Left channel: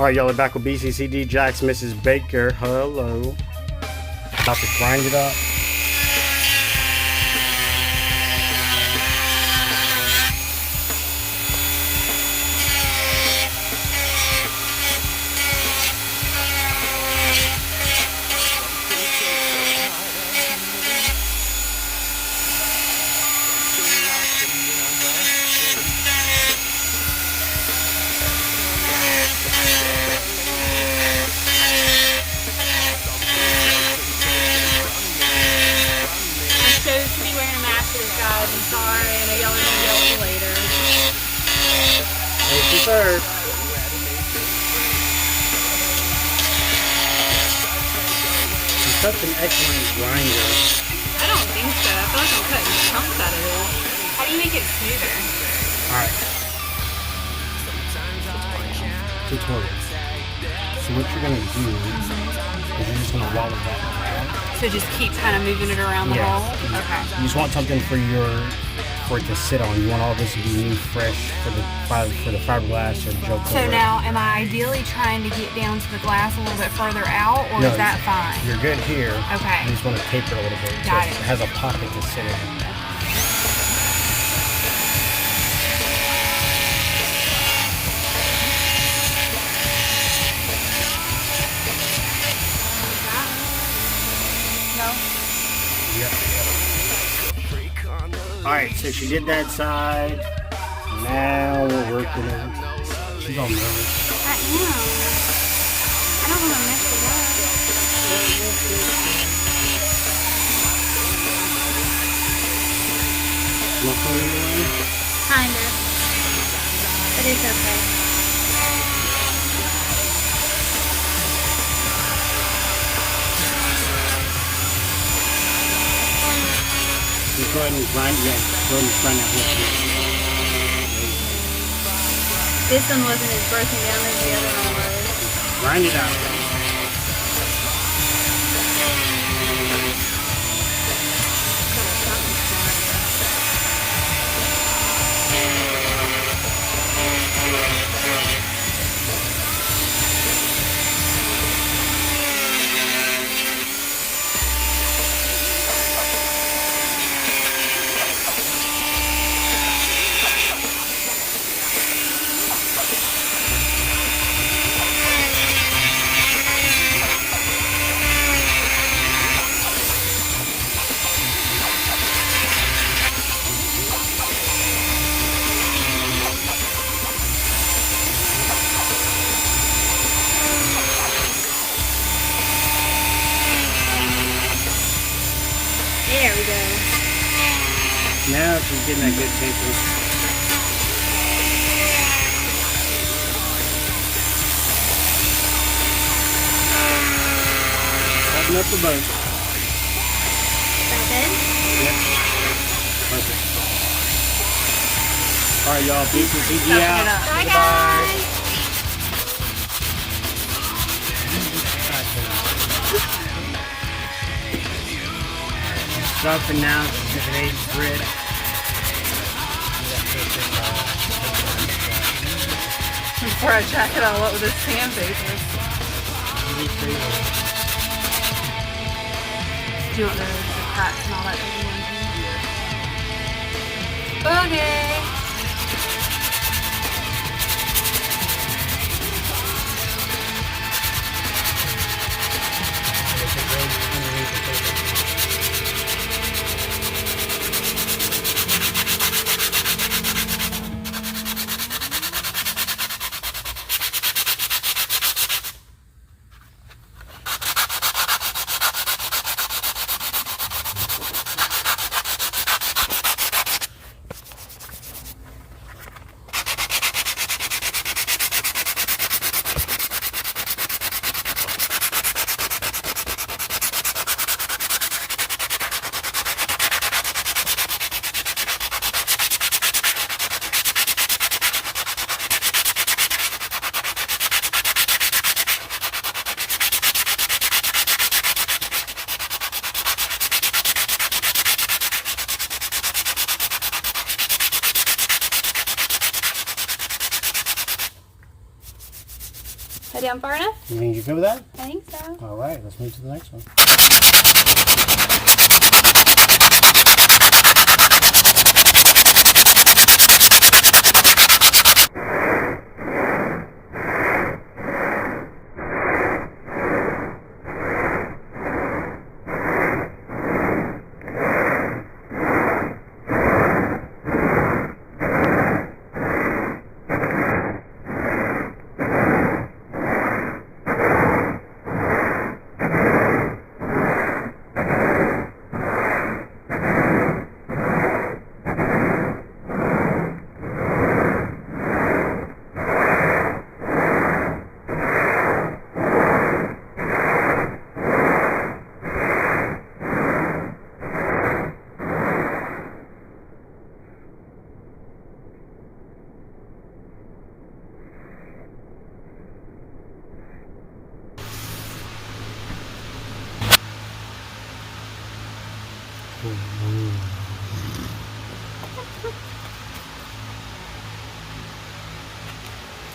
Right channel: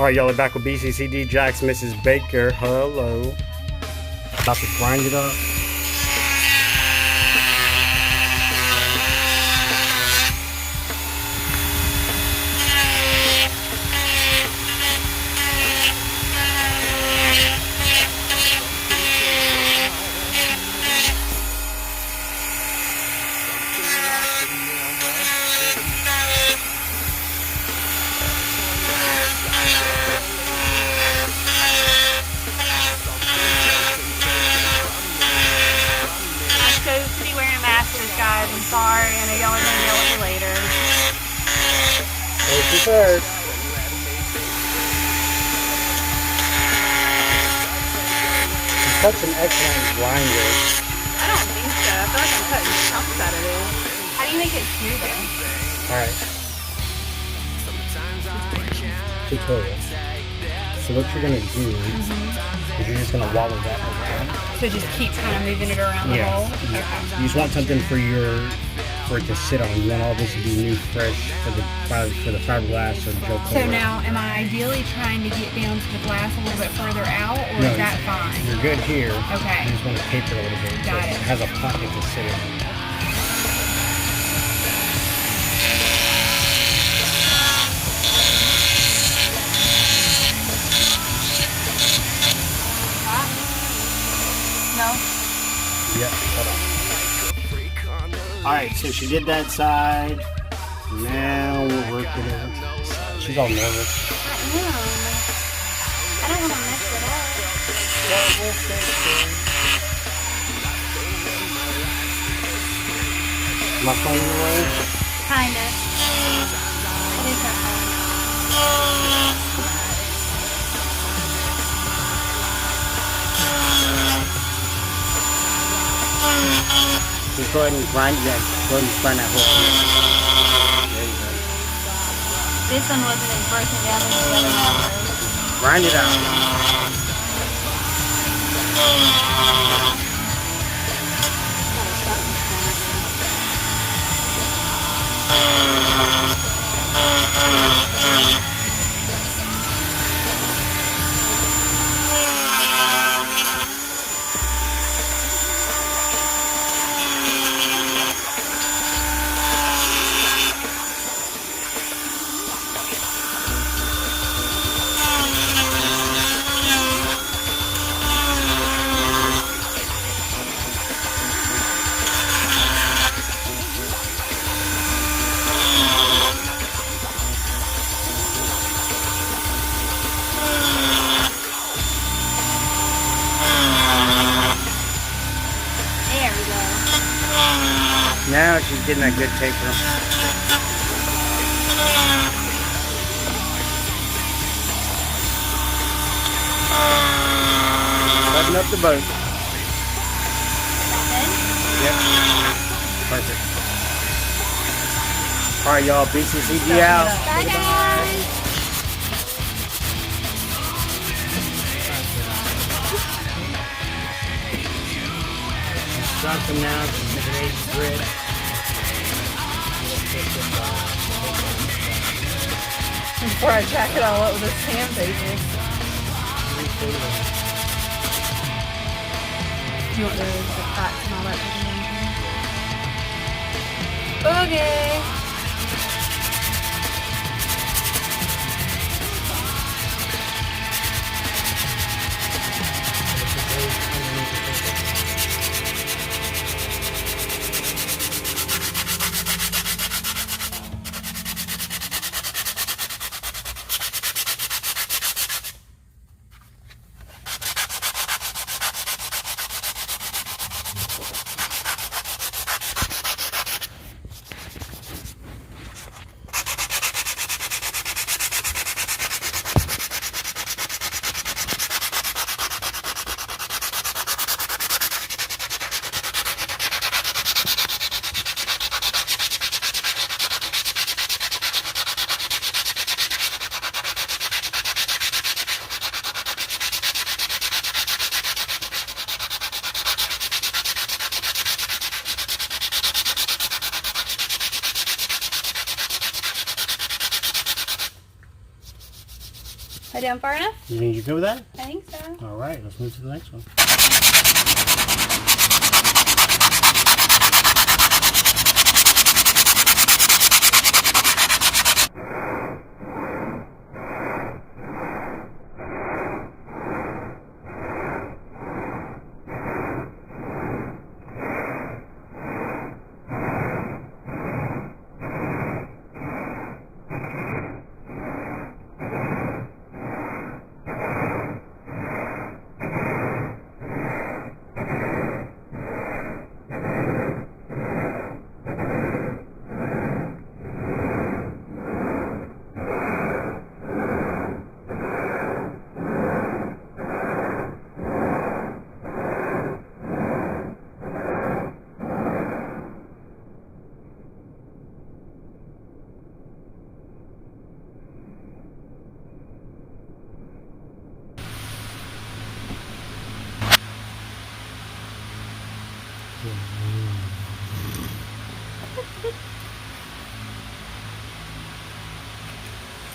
Alright, y'all are back with BCCD Jacks, Mrs. Baker. Hello. About to grind it up. Third. She's such an excellent grinder. I don't think so. I feel like I'm cutting chunks out of it. How do you make it smoother? Alright. Tutorial. So what you're going to do is you're just going to wobble that. So just keep kind of moving it around the roll? Okay. You just want something for it to sit on. You want all this to be new, fresh for the fiberglass or the gel coat. So now, am I ideally trying to get down to the glass a little bit further out, or is that fine? You're good here. Okay. You just want to taper a little bit. Got it. It has a pocket to sit in. No? Yep. Alright, so she did that side. Now we're working it. She's all nervous. I don't want to mix it up. Am I playing away? Kind of. But it's okay. Just go ahead and grind it. Go ahead and grind that whole thing. This one wasn't as broken down as the other one was. Grind it out. There we go. Now she's getting that good taper. Button up the boat. Yep. Perfect. Alright, y'all. BCCD out. Bye, guys. Dropping now, it's an 8 grit. Before I jack it all up with this sandpaper. Do it with the cracks and all that good. Okay. Head down far enough? You think you're good with that? I think so. All right, let's move to the next one.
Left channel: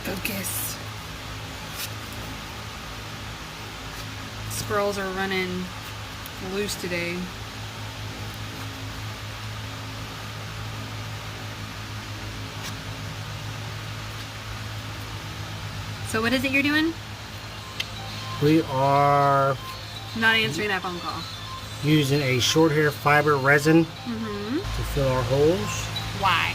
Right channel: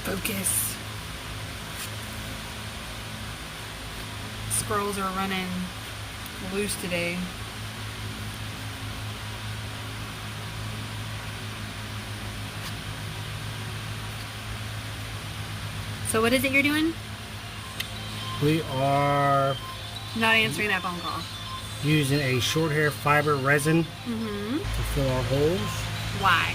Focus. Squirrels are running loose today. So what is it you're doing? We are Not answering that phone call. using a short hair fiber resin Mm-hmm. to fill our holes. Why?